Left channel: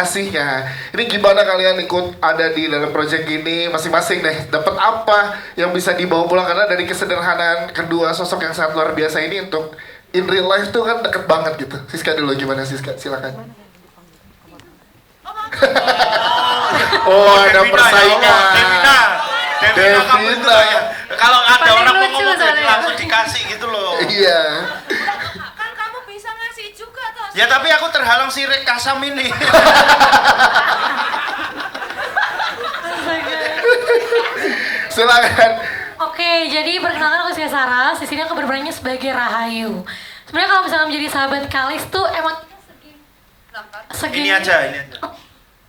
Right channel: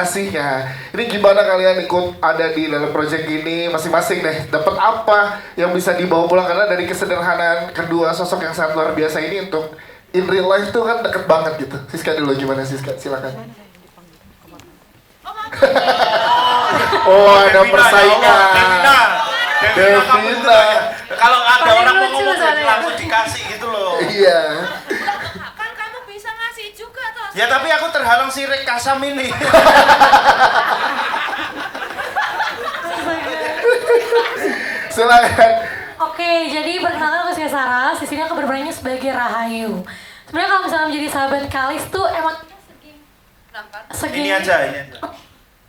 kasih ya. Ini gimana kalian ikut ada di dalam project ini masing-masing deh. Dapat apa yang bisa dibawa pulang karena dari kesederhanaan kedua sosok yang sangat luar biasa ini untuk in real life tuh kan deket banget gitu. Siska dulu gimana Siska? Silakan. Oh ada persaingan. Devina. Kalau ada orang mau ngomong langsung dikasih gitu loh. Iya. Kan kamu bisa ngasih juga toh. Ya tapi aku terhalang si Rek Kasam ini. Silakan. Oke, jadi perkenalkan aku saya Sarah. Di sini aku berperannya sebagai Rahayu. Sebenarnya kalau misalnya menjadi sahabat Kalis tuh emang segini. Ini aja.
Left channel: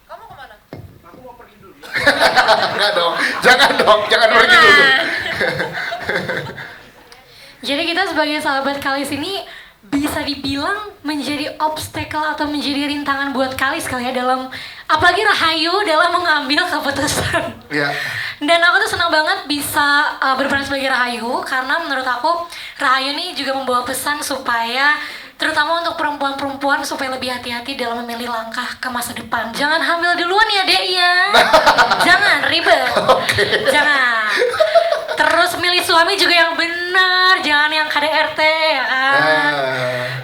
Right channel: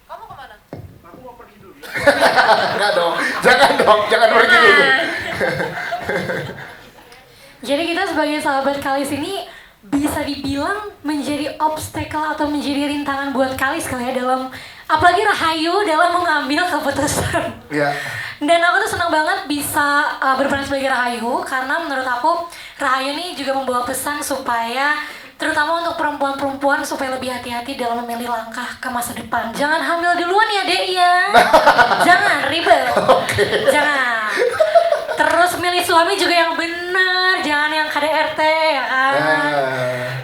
Kamu kemana? Enggak dong. Jangan pergi dulu. Jadi kita sebagai sahabat Kalis ini bisa dibilang menjadi obstacle atau menjadi rintangan buat Kalis kali ya dalam apalagi Rahayu dalam mengambil keputusan. Iya. Dan aku tuh senang banget bisa berperan sebagai Rahayu karena menurut aku Rahayu ini juga membawa pesan supaya terutama untuk perempuan-perempuan supaya lebih hati-hati dalam memilih langkah ke masa depan. Jangan hamil duluan ya Dek ya. Jangan ribet. Oke. Jangan. Terus milih suami juga yang benar, jangan yang KDRT ya kan.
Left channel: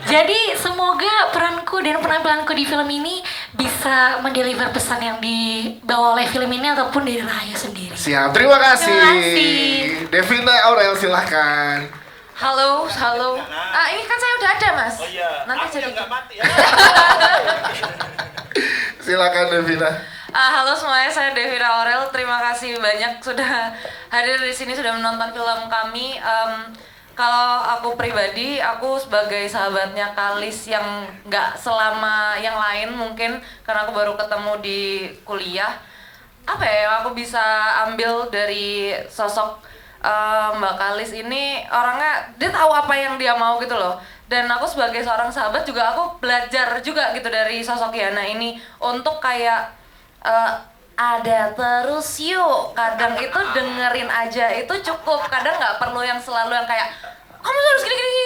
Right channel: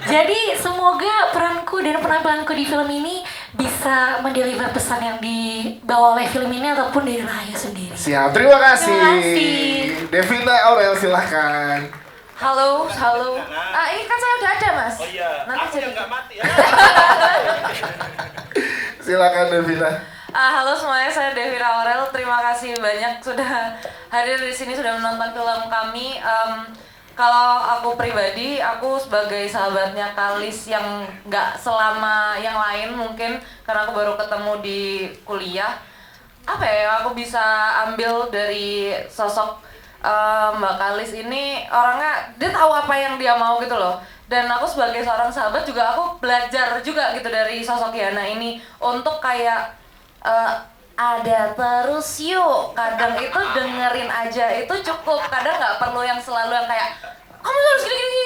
Jadi semoga peranku dan penampilanku di film ini bisa mendeliver pesan yang dibawa oleh film ini ataupun dari Rahayu sendiri. Siap, terima kasih. Terima kasih. Devina Aurel silahkan. Halo. Ini kan saya udah ada mas. Oh iya. Nanti Aku jadi. yang nggak mati ya. Silakan Devina. Halo semuanya, saya Devina Aurel. Terima kasih banyak sudah hadir di sini, sudah menonton film kami. Kalau aku pribadi, aku sebagai sahabatnya Kalis yang nggak selama yang lain mungkin karena aku baru ketemu di kuliah. Apa ya yang aku bisa ambil dari sosok Mbak Kalis ini, orangnya dia tahu apa yang dia mau gitu loh. Dan aku sebagai seorang sahabat juga aku belajar juga gitu dari sosok Yana ini untuk kayak ada terus yuk, kadang itu dengerin aja itu cukup, kadang nggak perlu yang selalu yang kayak kamu harus gini,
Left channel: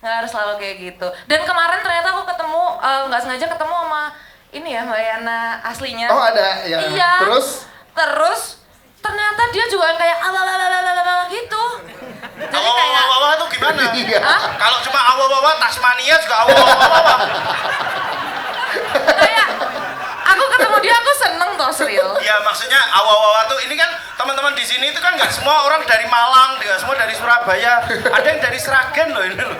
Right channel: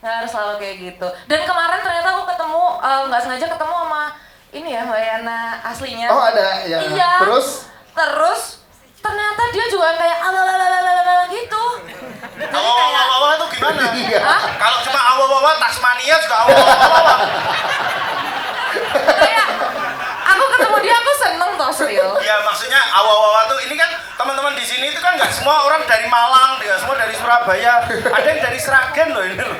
nggak harus selalu kayak gitu. Dan kemarin ternyata aku ketemu nggak sengaja ketemu sama ini ya Mbak Yana aslinya. Oh ada ya. Iya. Terus ternyata dia juga kayak ala gitu. Jadi kayak Awal-awal tuh gimana? Iya. Kalau cuma awal-awal Tasmania juga awal-awal. kayak aku ketemu dia aku seneng toh serius. Ya maksudnya awal-awal tuh ini kan teman-teman di sini itu kan nggak semua orang dari Malang, nggak semua dari Surabaya, ada yang dari Sragen loh ini loh.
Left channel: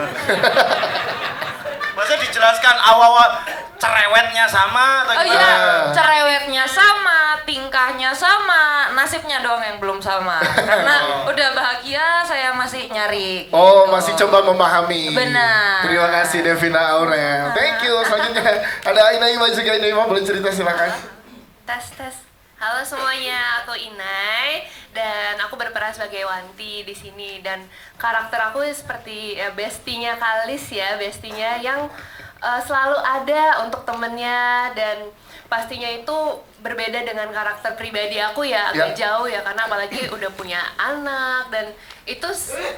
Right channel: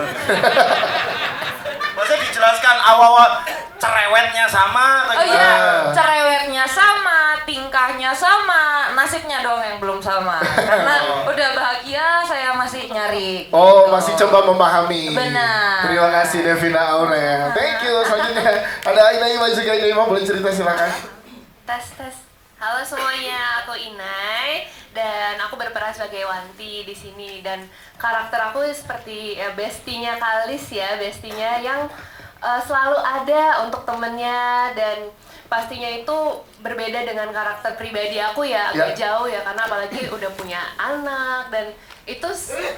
Maksudnya dijelaskan awal-awal cerewetnya sama atau Oh gimana? iya, cerewetnya sama, tingkahnya sama, nasibnya doang yang belum sama. Karena udah bahagia, saya masih nyari. Oh masih coba memahami. Benar. Terima kasih Devina Aurel. Thank you. Selanjutnya ada Inaima juga. Inaima boleh cerita silakan. Tes. Halo semuanya, aku Inai dan aku berperan sebagai Wanti di sini dan karakter aku seperti bestinya Kalis ya, bestinya yang selalu ada untuk temennya dan pastinya itu berbeda dengan karakter pribadi aku ya, agak jauh ya karena apalagi udah punya anak dan itu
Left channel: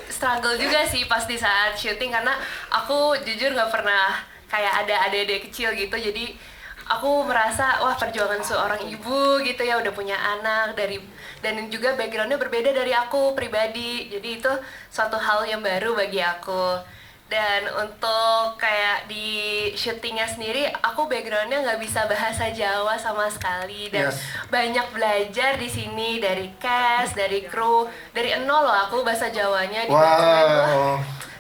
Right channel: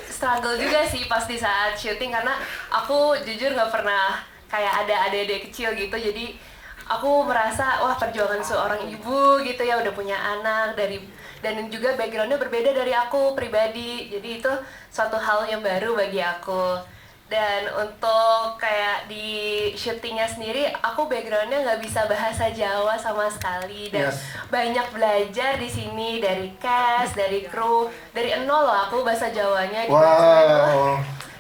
struggle juga sih pas di saat syuting karena aku jujur nggak pernah kayak ada adik-adik kecil gitu jadi aku merasa wah perjuangan seorang ibu gitu ya udah punya anak dan juga backgroundnya berbeda dari aku pribadi jadi itu suatu hal yang baru bagi aku dan untuk kayak di syutingnya sendiri aku backgroundnya nggak bisa bahasa Jawa sama sekali dan banyak belajar di sini dari cast dari kru dari nol loh aku bahasa Jawanya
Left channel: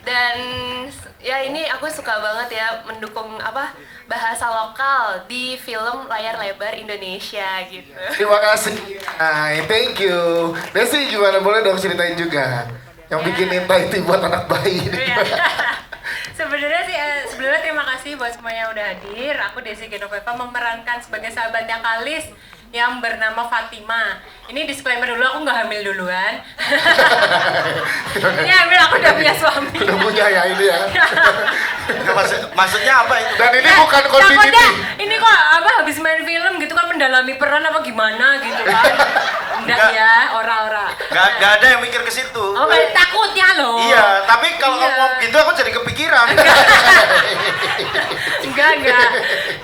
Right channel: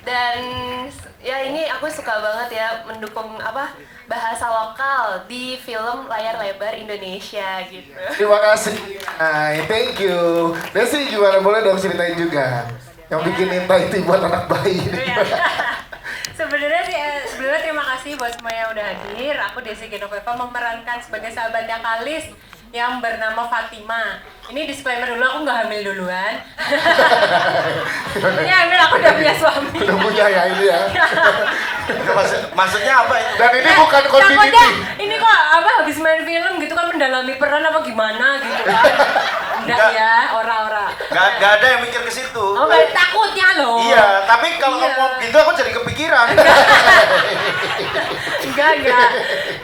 dan ya ini aku suka banget ya mendukung bahasa lokal di film layar lebar Indonesia gitu. Terima kasih. Hai, thank you. Desi gimana boleh dong ceritain juga yang bikin Inta itu buat anak bayi. Sebenarnya terima kasih buat semua yang udah hadir. Aku Desi Genoveva memerankan sebagai sahabatnya Kalis yang bernama Fatima. Ini disclaimer dulu, aku nggak hamil duluan. Ini hamil aku udah punya suami. Udah punya ya ini ya. Maksudnya apa ya? Dan ini bukan continuity. Takutnya ini kok habis main film gitu kan mendalami peran apa gimana gitu kan. Enggak ya, ora. Nggak ada yang mikir ke situ. Oh, takutnya loh. Iya, tapi kalau ngomong gitu aku jadi kepikiran. Enggak.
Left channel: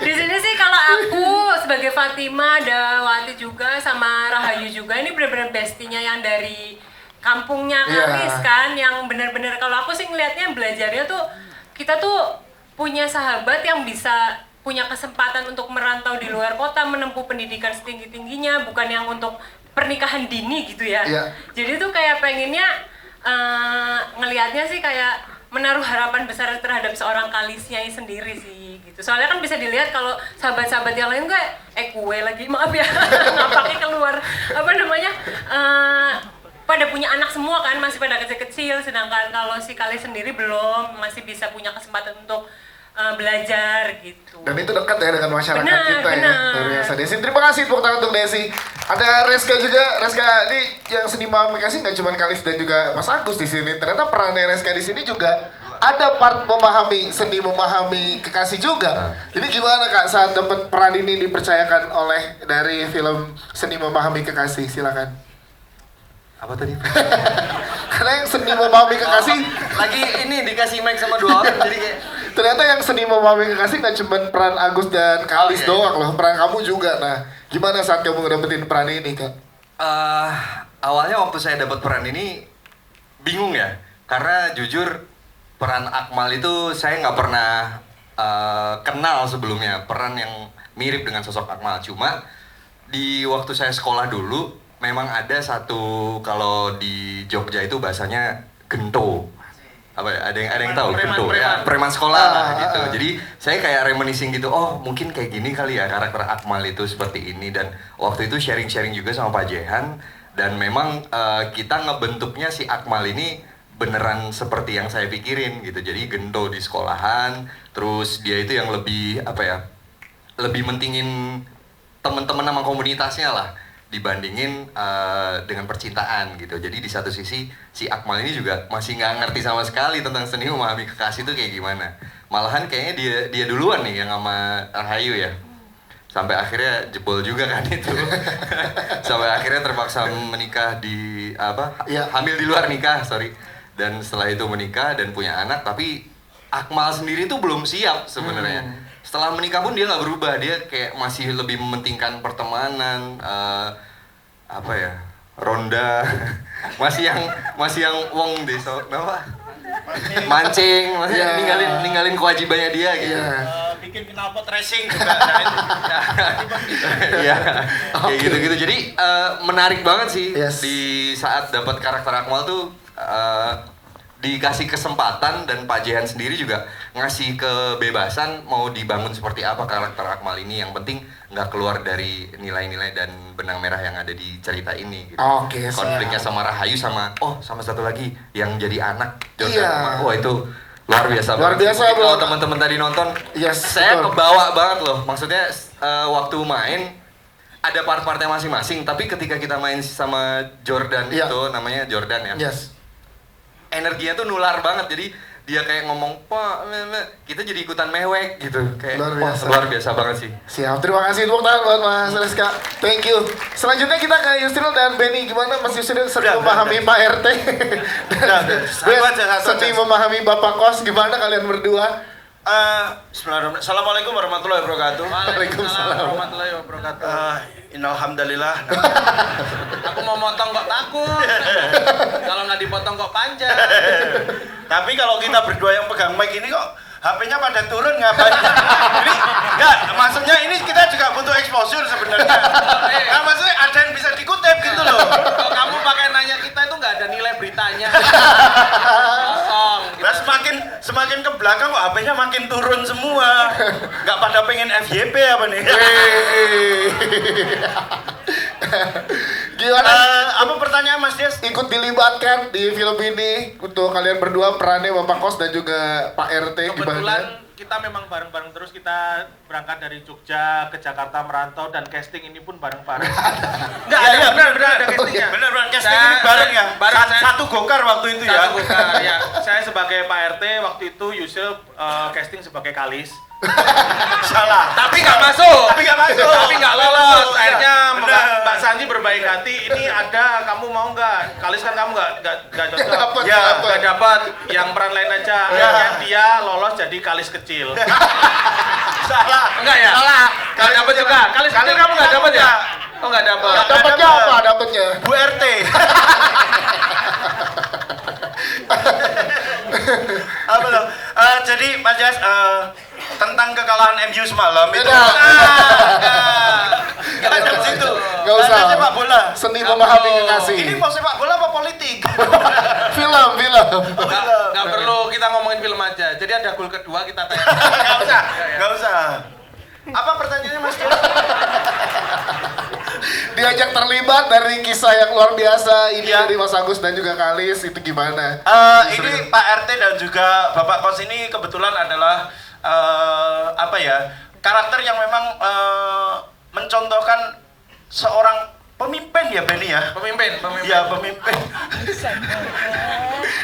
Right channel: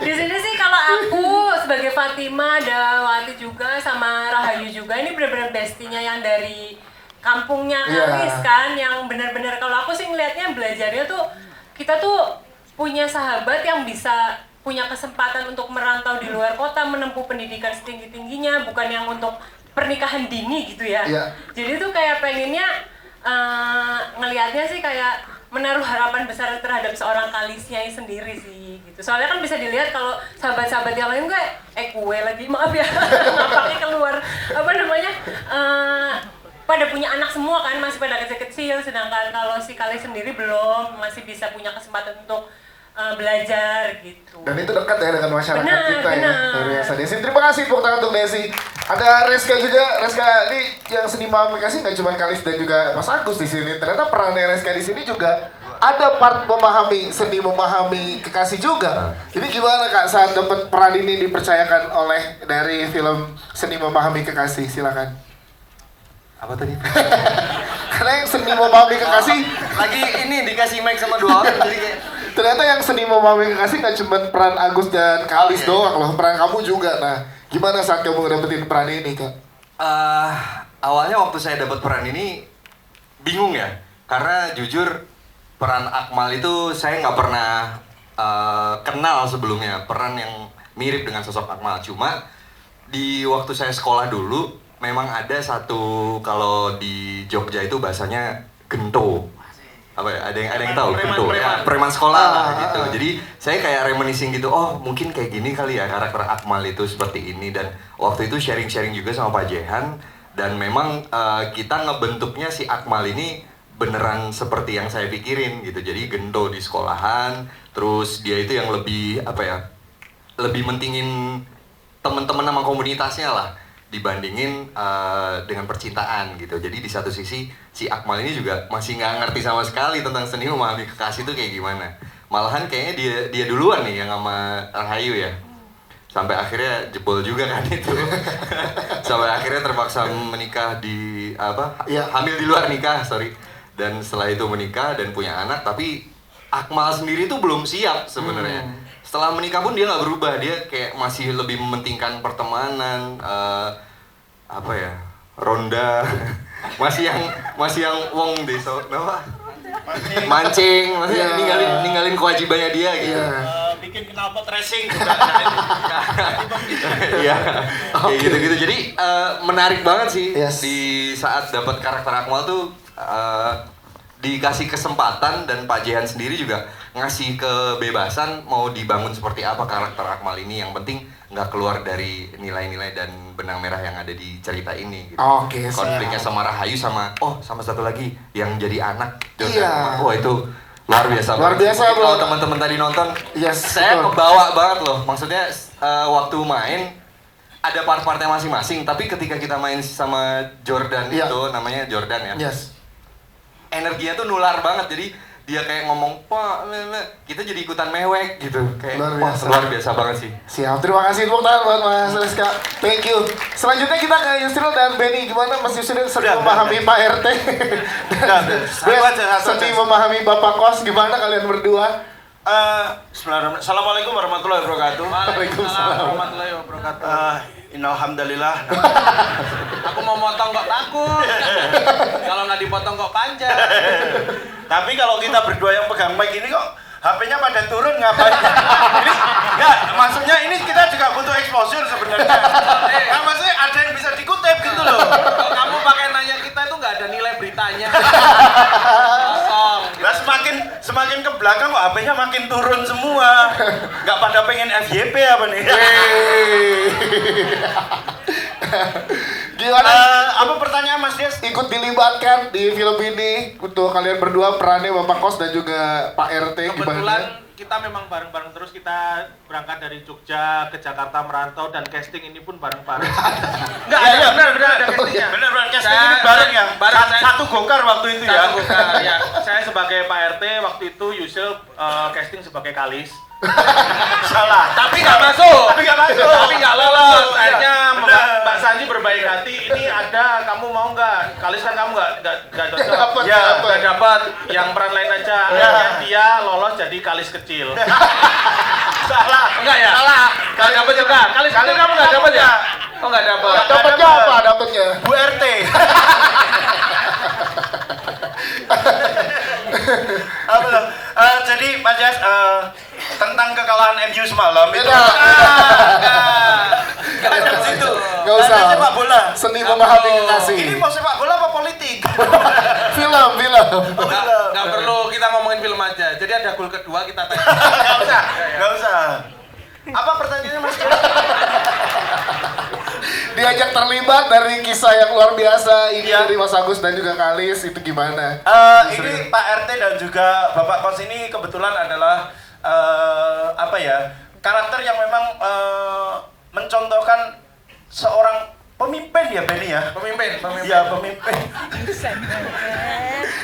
Di sini sih kalau aku sebagai Fatima, ada Wati juga sama Rahayu juga. Ini benar-benar bestinya yang dari kampungnya Kalis kan, yang benar-benar kalau aku sih ngelihatnya belajarnya tuh kita tuh punya sahabat yang bisa punya kesempatan untuk merantau di luar kota, menempuh pendidikan setinggi-tingginya, bukan yang untuk pernikahan dini gitu ya. Jadi tuh kayak pengennya ngelihatnya sih kayak menaruh harapan besar terhadap seorang Kalisnya sendiri sih gitu. Soalnya kan bisa dilihat kalau sahabat-sahabat yang lain kayak kue lagi, maaf ya, nampaknya keluar apa namanya pada punya anak semua kan, masih pada kecil-kecil, sedangkan kalau si Kalis sendiri belum, masih bisa punya kesempatan untuk belajar gitu. Dan itu dekat ya dengan masyarakat kita ya. Benar. Luar biasa. Desi, terima kasih tepuk tangan untuk Desi. Ada Reska juga. Reska ini yang seni komunikasi nggak cuma Kalis dan juga Mas Agus di sini. Ternyata perannya Reska di sini juga ada part memahami kekasih juga. Jadi gimana Kak saat dapat peran ini dipercayakan oleh dari film Seni Memahami Kekasih? Silakan. Apa tadi? Karena yang seni memahami kekasih Lagi ini dikasih mic sama 2 orang jadi kayak ternyata yang seni memahami kekasih gak cuma peran Agus dan Kalis doang loh, peran kamu juga. Nah, gimana saat kamu dapetin peran ini Kak? Awalnya waktu saya dapat peran ini bingung ya, karena jujur peran Akmal itu saya nggak pernah kenal sebelumnya, peran yang mirip dengan sosok Akmal. Cuma di waktu saya sekolah dulu memang ada satu, kalau di Jogja itu bahasanya gento. Apa ya? Ada yang tahu gento? Ya, preman sekolah lah gitu. Jadi saya kayak reminiscing gitu, oh mungkin kayak gini kali ya karakter Akmal itu seperti ini. Dan waktu itu sharing-sharing juga sama Pak Jehan, dan memang kita ngebentuknya si Akmal ini beneran seperti yang saya pikirin gitu. Jadi gento di sekolahan, terus dia itu yang lebih apa ya, lebih mentingin teman-teman sama komunitasnya lah dibandingin dengan percintaan gitu. Jadi di satu sisi si Akmal ini juga masih nggak ngerti sama sekali tentang seni memahami kekasih itu kayak gimana. Malahan kayaknya dia duluan nih yang sama Rahayu ya. Sampai akhirnya jebol juga kan itu. Sampai akhirnya terpaksa menikah di hamil di luar nikah, sorry. Dan setelah itu menikah dan punya anak, tapi Akmal sendiri tuh belum siap sebenarnya. Setelah menikah pun dia nggak berubah, dia kayak masih lebih mementingkan pertemanan, ronda, masih yang wong desa, mancing, ninggalin kewajibannya dia gitu. Bikin knalpot racing juga. Iya, kayak gitu-gitu. Jadi menarik banget sih di saat dapat karakter Akmal tuh. Dikasih kesempatan dan Pak Jehan sendiri juga ngasih kebebasan mau dibangun seperti apa karakter Akmal ini, yang penting nggak keluar dari nilai-nilai dan benang merah yang ada di cerita ini gitu. Konfliknya sama Rahayu sama satu lagi yang jadi anak Jordan. Wah itu luar biasa kalau teman-teman tadi nonton, saya kebawa banget loh. Maksudnya waktu main ada part-partnya masing-masing, tapi ketika kita main sama Jordan itu namanya Jordan ya. Energinya tuh nular banget, jadi dia kayak ngomong, Pak, kita jadi ikutan mewek gitu. Kayak luar biasa banget sih. Siap, terima kasih tepuk tangan buat Mas Reska. Thank you. Selanjutnya kita ke Yusril dan Benny. Gimana Mas Yusril seni memahami Pak RT? Seni memahami Bapak Kos, gimana kalian berdua? Assalamualaikum warahmatullahi wabarakatuh. Waalaikumsalam warahmatullahi wabarakatuh. Innalhamdulillah. Aku mau motong kok takut. Kalau nggak dipotong kok panjang. Tapi kalau kita berdua yang pegang mic ini kok HP-nya pada turun ngapain? Ini enggak, maksudnya ini kita juga butuh exposure sebenarnya. Kan maksudnya ada yang bisa dikutip gitu loh. Kamu pakai nanya kita itu nggak ada nilai beritanya. Nah semakin ke belakang kok HP-nya makin turun semua. Nggak pada pengen FYP apa nih? Gimana? Apa pertanyaan Mas Des? Ikut dilibatkan di film ini untuk kalian berdua perannya Bapak Kos dan juga Pak RT Kebetulan gimana? kita memang bareng-bareng terus, kita berangkat dari Jogja ke Jakarta merantau dan casting ini pun bareng-bareng. Enggak, benar casting ini bareng ya. Satu gokar waktu itu ya. Ya, saya sebagai Pak RT waktu itu, Yusuf casting sebagai Kalis. Salah. Tapi nggak masuk. Tapi nggak lolos. Akhirnya Mbak Santi berbaik hati. Ini ada, kamu mau nggak? Kalis kan kamu nggak cocok. Ya, nggak dapat. Yang peran lain aja. Akhirnya dia lolos jadi Kalis kecil. Salah. Enggak ya? Salah. Kali dapat juga. Kali kamu nggak dapat ya? Oh nggak dapat. Dapatnya apa? Dapatnya Bu RT. Apa tuh? Jadi Mas Jas, tentang kekalahan MU semalam itu. Beda. Kan di situ. Gak usah. Ada sepak bola. Seni memahami kekasih. Ini mau sepak bola apa politik? Film. Nggak perlu kita ngomongin film aja. Jadi ada gol kedua kita tanya. Gak usah. Apa pertanyaannya Mas Jas? Diajak terlibat dari kisah yang luar biasa ini Iya. dari Mas Agus dan juga Kalis, itu gimana? Ini Pak RT dan juga Bapak Kos ini kebetulan adalah apa ya, karakter yang memang mencontohkan seorang pemimpin ya Benny ya. Pemimpin. Iya pemimpin.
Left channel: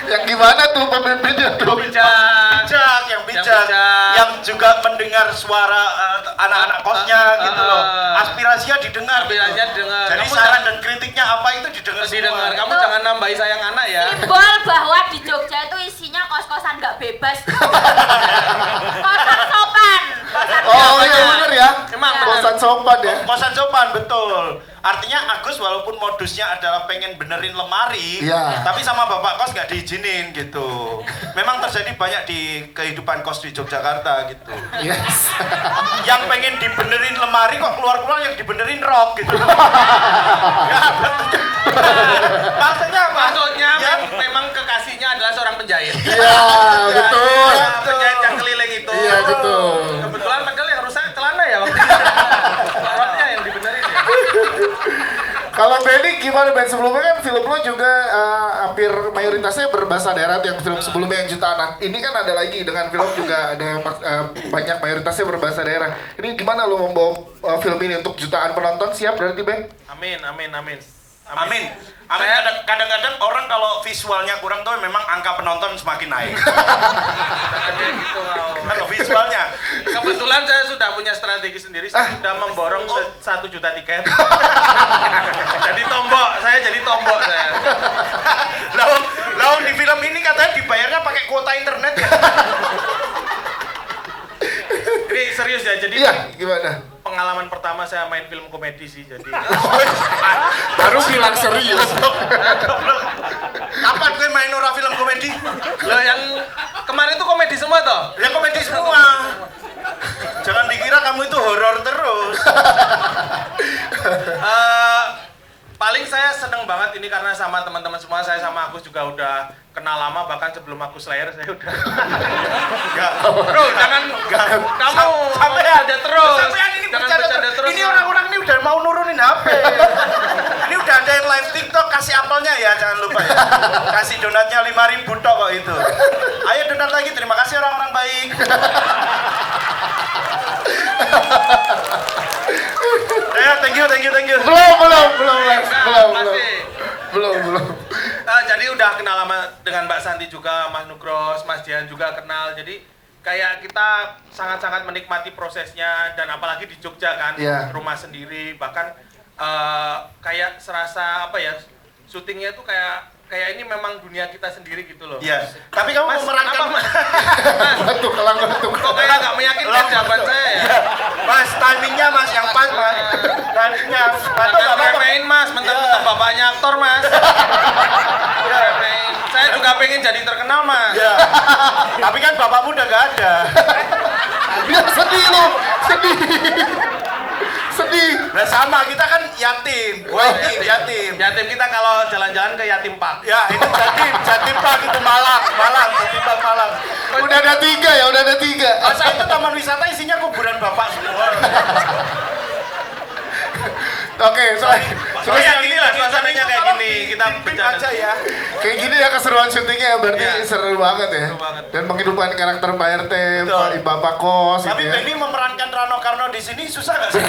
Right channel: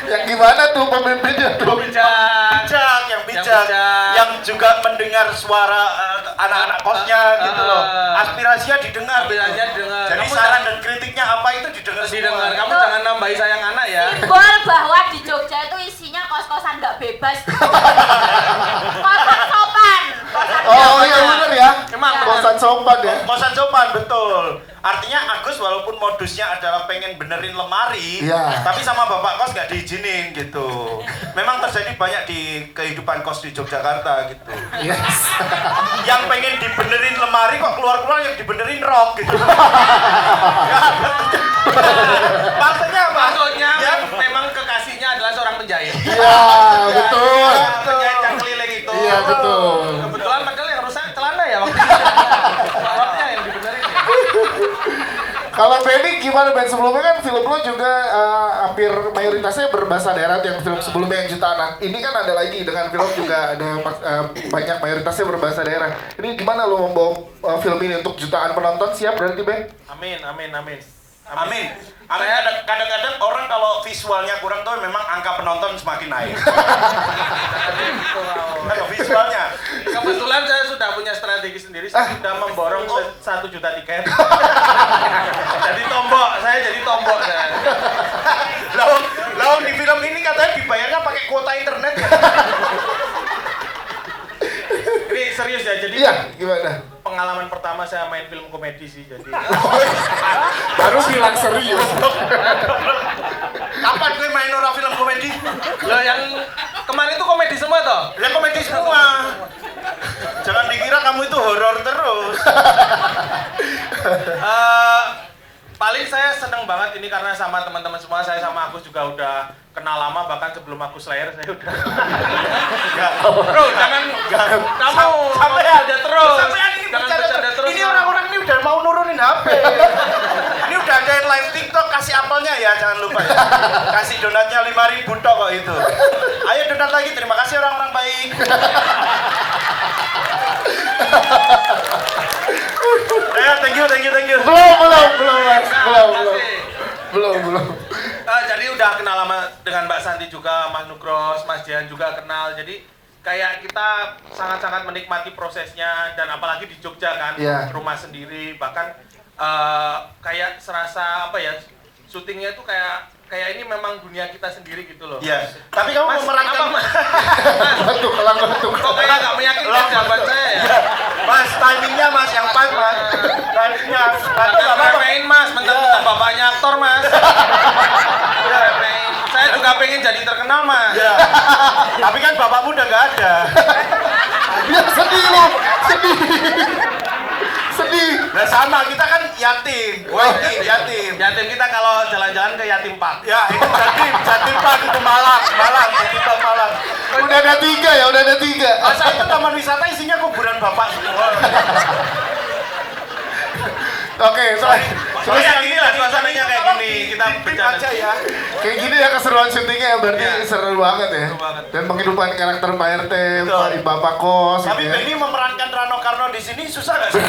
Yang gimana tuh pemimpinnya tuh? Bijak, yang juga mendengar suara anak-anak kosnya gitu loh. Aspirasinya didengar. Jadi saran dan kritiknya apa itu didengar semua. Kamu jangan nambahi sayang anak ya. Simbol bahwa di Jogja itu isinya kos-kosan nggak bebas. Kosan sopan. Oh iya bener ya. Emang Kosan sopan ya. Kosan sopan betul. Artinya Agus walaupun modusnya adalah pengen benerin lemari, Iya. tapi sama bapak kos nggak diizinin gitu. Memang terjadi banyak di kehidupan kos di Yogyakarta gitu. Yes. Yang pengen dibenerin lemari kok keluar-keluar yang dibenerin rok gitu. Maksudnya apa? Maksudnya Ya, memang kekasihnya adalah seorang penjahit. Iya betul. Penjahit yang keliling itu. Iya betul. Kebetulan padahal yang rusak celana ya waktu itu. Roknya yang dibenerin ya. Kalau Benny gimana Ben? Sebelumnya kan film lo juga hampir mayoritasnya berbahasa daerah tuh, yang film sebelumnya yang jutaan. Ini kan ada lagi dengan film juga ada banyak mayoritasnya berbahasa daerah. Ini gimana lo membawa film ini untuk jutaan penonton? Siap berarti Ben? Amin. Amin. Kadang-kadang orang kalau visualnya kurang tuh memang angka penonton semakin naik. Kalau visualnya. Kebetulan saya sudah punya strategi sendiri, saya sudah memborong 1 juta tiket. Saya jadi tombok saya. Lalu di film ini katanya dibayarnya pakai kuota internet. Ini serius ya, jadi Iya gimana? pengalaman pertama saya main film komedi sih, jadi Baru bilang serius. Kapan gue main orang film komedi? Lah yang kemarin itu komedi semua toh? Ya komedi semua. Jangan dikira kamu itu horor terus. Paling saya seneng banget ini karena sama teman-teman semua, saya sama Agus juga udah kenal lama, bahkan sebelum Agus lahir saya udah. Bro, jangan kamu Sampai ada terus. Sampai ini Jangan bercanda bercanda terus. Ini orang-orang ini udah mau nurunin HP. Ini udah ada yang live TikTok, kasih apelnya ya, jangan lupa ya. Kasih donatnya 5.000 tok kok itu. Ayo donat lagi, terima kasih orang-orang baik. Ya, thank you. Belum. Jadi udah kenal lama dengan Mbak Santi juga, Mas Nugros, Mas Dian juga kenal. Jadi kayak kita sangat-sangat menikmati prosesnya, dan apalagi di Jogja kan, Iya. rumah sendiri, bahkan kayak serasa apa ya, syutingnya itu kayak ini memang dunia kita sendiri gitu loh. Iya. Tapi kamu Mas, memerankan Batuk. kok kayak nggak meyakinkan jawaban saya ya? Mas, timingnya Mas yang pas Mas. Timingnya. Nggak main Mas, mentang-mentang bapaknya aktor Mas. Saya juga pengen jadi terkenal Mas. Ya. Tapi kan bapakmu udah nggak ada. Dia sedih lo, sedih. Nah sama, kita kan yatim. Yatim. Yatim kita kalau jalan-jalan ke Yatim Park. Ya, itu Jatim Park itu Malang. Jatim Park Malang. Udah ada 3. Masa itu taman wisata isinya kuburan bapak semua. Oke, Terus yang ini lah, suasananya kayak gini. Kita bercanda aja ya. kayak gini ya keseruan syutingnya ya, berarti seru banget ya. Seru banget. Dan menghidupkan karakter Pak RT, Betul. Bapak Kos Tapi gitu ya. Benny memerankan Rano Karno di sini susah nggak sih?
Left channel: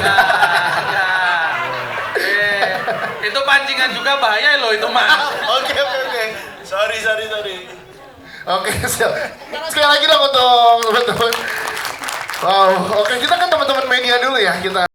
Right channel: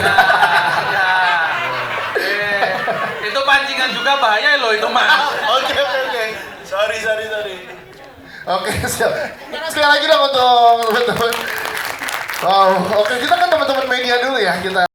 Itu pancingan juga bahaya loh itu Mas. Oke. Sorry. Oke, siap. Sekali lagi dong untuk teman-teman. Wow, oke kita kan teman-teman media dulu ya kita.